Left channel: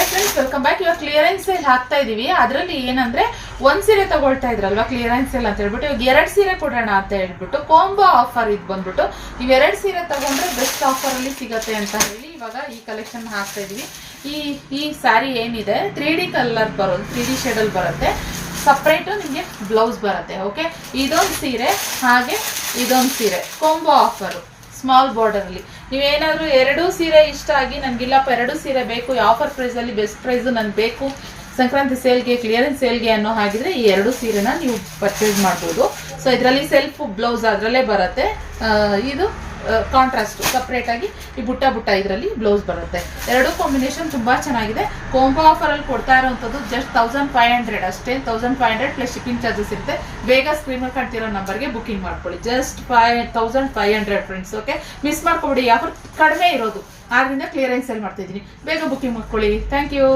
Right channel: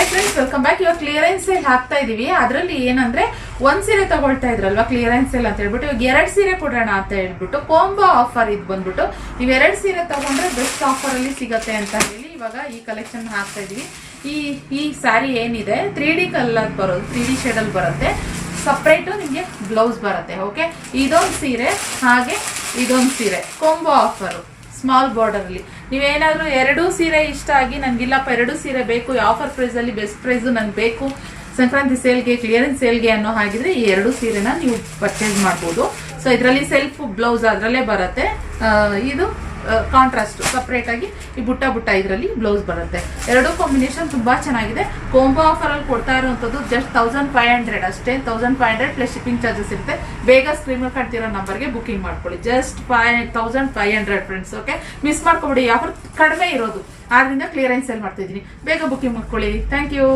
Hi friends, welcome back. ಇವಾಗ clearance sale ಹಾಕ್ತಾ ಇದೀವಿ. ಅದರಲ್ಲಿ ಏನಂದ್ರೆ ಒಂದ್ ಸೀರೆ ತಗೊಳ್ತಾ ಇದ್ರಲ್ವಾ ಕ್ಲಿಯರೆನ್ಸ್ ಸೇಲ್ ಅಂತ ಹೇಳ್ಬಿಟ್ಟು ಇವಾಗ 2 ಸೀರೆ ಕೊಡೋಣ ಅಂತ ಹೇಳ್ಬಿಟ್ಟು ಕಾಂಬೋ ಆಫರ್ ಇದು ಬಂದ್ಬಿಟ್ಟು ನೀವು 2 ಸೀರೆ ತಗೊಂಡ್ರೆ ಬೆಸ್ಟ್ ಆಫರ್ ಅಲ್ಲಿ ಸಿಗತ್ತೆ ಅಂತ ಹೇಳಿ ಇವಾಗ ಈ ಕಲೆಕ್ಷನ್ ಹಾಕ್ತಾ ಇದೀವಿ. ಈ ಸ್ಯಾರಿ ಏನಿದೆ 3D ಕಲರ್ ಬರೋದು, 3D ಶೇಡ್ ಅಲ್ಲಿ ಬರುತ್ತೆ. ಸಪ್ರೇಟು ನಿಮಗೆ ಬ್ಲೌಸ್ ಬರುತ್ತೆ. ಓಕೆ, ಇದೊಂದು ಸೀರೆ ಹಾಗೆ ಇದೊಂದು ಸೀರೆ ಕಾಂಬೋ ಆಫರು ಸ್ಮಾಲ್ ಬಾರ್ಡರ್ ಅಲ್ಲಿ. ನೀವೇನಾದ್ರೂ 2 ಸೀರೆ ಇಷ್ಟ ಆಗಿ ನನ್ಗಿಲ್ಲಪ್ಪ 2 ಸೀರೆ ಬೇಕು, ಆಫರ್ ಪ್ರೈಸ್ ಅಲ್ಲಿ ಬೆಸ್ಟ್ ಪ್ರೈಸ್ ನನ್ಗೆ ಬೇಕು ಸಂಕ್ರಾಂತಿ ಸೇಲ್ಗೆ ಕ್ಲಿಯರೆನ್ಸ್ ಸೇಲ್ಗೆ ಅನ್ನೋ ಹಾಗಿದ್ರೆ ಈ 2 ಸೀರೆನ ನೀವು ಪರ್ಚೇಸ್ ಮಾಡ್ಬೋದು. ಸೊ ಇದರಲ್ಲಿ ಸೆಲ್ಫ್ ಬ್ಲೌಸ್ ಅದರಲ್ಲೇ ಬರುತ್ತೆ. ಇದು ಕಾಂಟ್ರಾಸ್ಟ್ ಸಪ್ರೇಟ್ ಆಗಿ ಈ ಬುಟ್ಟ ಇದರಲ್ಲಿ ಬ್ಲೌಸ್ ಬರುತ್ತೆ. 2 ಕಾಂಬಿನೇಷನ್ ತುಂಬಾ ಚೆನ್ನಾಗಿದೆ. ಕಾಂಬೋ ಆಫರ್ ಅಲ್ಲಿ ಕೊಡ್ತಾ ಇರುವಂತದ್ದು ಜಸ್ಟ್ 1500 ಅಷ್ಟೇ. 1500 ಪ್ಲಸ್ ಶಿಪ್ಪಿಂಗ್ ಚಾರ್ಜಸ್ ಇರುತ್ತೆ. ಬೇಗ ಸ್ಕ್ರೀನ್ ಮೇಲೆ ಕಾಣ್ತಿರೋ ನಂಬರ್ಗೆ ಬುಕಿಂಗ್ ಮಾಡ್ಕೊಳ್ಳಿ. Just 1500 friends. ಓಕೆ, ಮಿಸ್ ಮಾಡ್ಕೊಬಿಡಿ. ಆಫರ್ ಕಡಿಮೆ ಇರೋದು, ಆದ್ರಿಂದ ಕ್ಲಿಯರೆನ್ಸ್ ಸೇಲ್ ಮಾಡ್ತಿದ್ದೀನಿ. ಬೇಗ ಬುಕಿಂಗ್ ಮಾಡ್ಕೊಳ್ಳಿ. Thank you.